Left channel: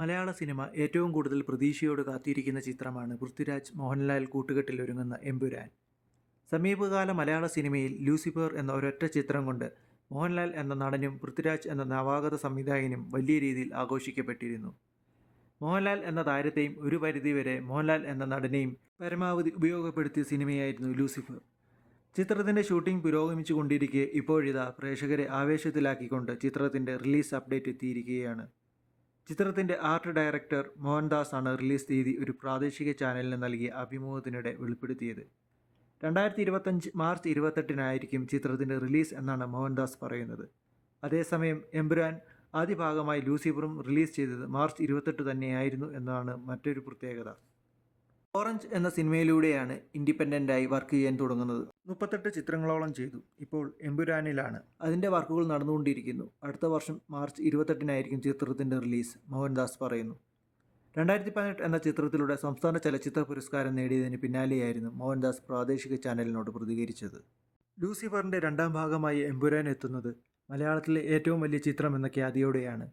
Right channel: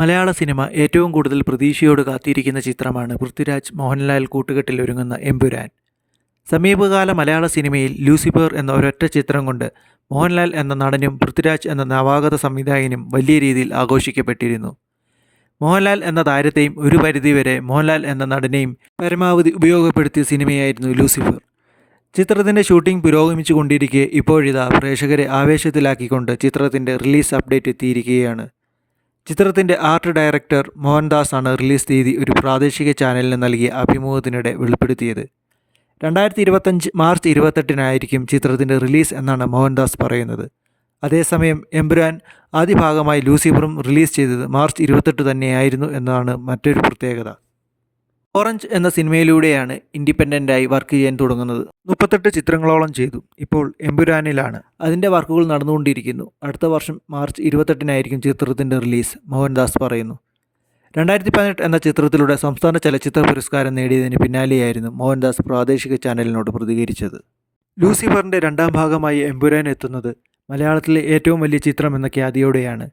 മലയാള cinema ഏറ്റവും കൂടുതൽ പ്രതീക്ഷയോട് കാത്തിരിക്കുന്ന ചിത്രമാണ് പൃഥ്വിരാജ് മോഹൻലാൽ കൂട്ടുകെട്ടിൽ ഒരുങ്ങുന്ന എമ്പുരാൻ. സമീപകാല മലയാള സിനിമയിൽ ലൂസിഫർ എന്ന ഒരൊറ്റ ചിത്രം കൊണ്ട് മോഹൻലാൽ എന്ന നടനും പൃഥ്വിരാജ് എന്ന നവാഗത സംവിധായകനും വലിയ രീതിയിൽ ആഘോഷിക്കപ്പെട്ടിരുന്നു. മോഹൻലാൽ എന്ന താരത്തെയും ഒരു പരിധിവരെ മോഹൻലാൽ എന്ന നടനെയും പരമാവധി ഉപയോഗപ്പെടുത്തിയ സിനിമയായിരുന്നു ലൂസിഫർ. ചിത്രത്തിൻ്റെ ഷൂട്ടിംഗ് പുരോഗമിച്ചു കൊണ്ടിരിക്കെ ഇപ്പോഴിതാ പ്രേക്ഷകരെ ആവേശത്തിലാക്കിക്കൊണ്ട് ചിത്രത്തിൻ്റെ റിലീസ് അപ്ഡേറ്റ് എത്തിയിരിക്കുകയാണ്. ചിത്രത്തിൻ്റെ ആർട്ട് ഡയറക്ടർ മോഹൻദാസ് ആണ് റിലീസ് തീയതി ഒരു പ്രാദേശിക ചാനലിന് നൽകിയ അഭിമുഖത്തിനിടെ വെളിപ്പെടുത്തിയത്. 2025 മാർച്ച് 28-നായിരിക്കും ചിത്രത്തിൻ്റെ റിലീസ് എന്നാണ് മോഹൻദാസ് പറയുന്നത്. അതേസമയം എമ്പുരാൻ ആദ്യ ഭാഗമായി ലൂസിഫറും റിലീസ് ചെയ്തത് മാർച്ച് 28 തന്നെയായിരുന്നു എന്നതാണ് മറ്റൊരു പ്രത്യേകത. ഓറഞ്ച് എന്ന സിനിമയിലൂടെയാണ് ഇൻഡിപെൻഡൻ്റായി വർക്ക് ചെയ്യാൻ തുടങ്ങുന്നത്. 38 ചിത്രങ്ങളോളം ചെയ്തു. ഇപ്പോൾ എമ്പുരാനിലാണ്. അതിൻ്റെ വർക്കുകൾ നടന്നുകൊണ്ടിരിക്കുന്നു. അടുത്ത വർഷം മാർച്ച് 28-നായിരിക്കും ചിത്രത്തിൻ്റെ റിലീസ്, മോഹൻദാസ് പറയുന്നു. 2018 എന്ന ചിത്രത്തിലൂടെ സംസ്ഥാന ചലച്ചിത്ര പുരസ്കാരം നേടിയതിന് പിന്നാലെയായിരുന്നു മോഹൻദാസ് പ്രാദേശിക ചാനലിനോട് പ്രതികരിച്ചത്. ലൂസിഫറിൻ്റെ രണ്ടാം ഭാഗമായി എമ്പുരാൻ എത്തുന്നത് മലയാളത്തിലെ ഏറ്റവും വലിയ ചിത്രം എന്ന ഖ്യാതിയോടെയാണ്.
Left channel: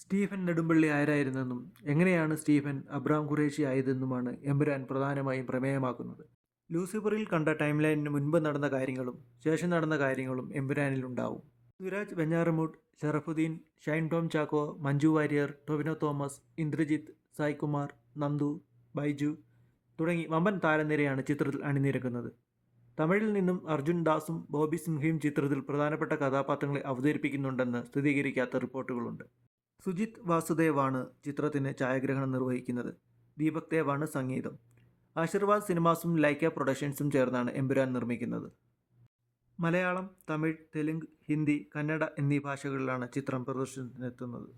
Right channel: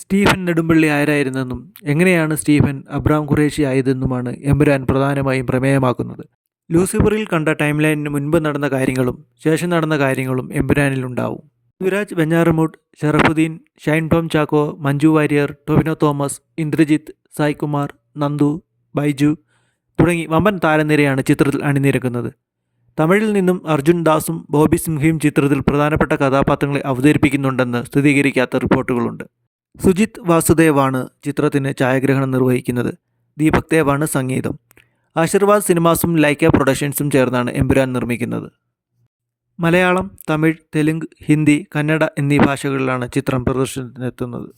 സ്റ്റീഫൻ നെടുമ്പള്ളി ആരായിരുന്നെന്നും എങ്ങനെയാണ് സ്റ്റീഫൻ അബ്രാം ഖുറേഷി ആയതെന്നുമാണ് എമ്പുരാൻ പ്രധാനമായും പ്രമേയമാക്കുന്നത്. ലൂസിഫറിൽ കണ്ട ടൈം ലൈനിന് മുൻപ് നടന്ന കാര്യങ്ങളും ശേഷം നടന്ന കാര്യങ്ങളും എമ്പുരാനിലുണ്ടാവും. പൃഥ്വിരാജ്, വെഞ്ഞാറമൂട്, ഷറഫുദ്ദീൻ, ഷൈൻ ടോം ചാക്കോ, മഞ്ജു വാര്യർ, ടൊവിനോ തോമസ്, ഇന്ദ്രജിത്ത്, സായ്കുമാർ, നന്ദു, ബൈജു തുടങ്ങി വമ്പൻ താരനിരയാണ് ചിത്രത്തിൽ അണിനിരക്കുന്നത്. തമിഴിൽ നിന്നും അർജുൻ ദാസും ബോബി സിംഹയും ചിത്രത്തിൽ പ്രധാനപ്പെട്ട കഥാപാത്രങ്ങളെ അവതരിപ്പിക്കുന്നുണ്ടെന്ന് സ്ഥിരീകരിക്കാത്ത റിപ്പോർട്ടുകളുണ്ട്. സുജിത് വാസുദേവാണ് ചിത്രത്തിന് ഛായാഗ്രഹണം നിർവഹിക്കുന്നത്. ദീപക് ദേവാണ് സംഗീതം. ആശീർവാദ് സിനിമാസും ലൈക്ക പ്രൊഡക്ഷൻസും ചേർന്നാണ് എമ്പുരാൻ നിർമ്മിക്കുന്നത്. മലയാളം, തമിഴ്, തെലുങ്ക്, ഹിന്ദി, കന്നഡ എന്നീ ഭാഷകളിലാണ് ചിത്രം പ്രദർശനത്തിനെത്തുന്നത്.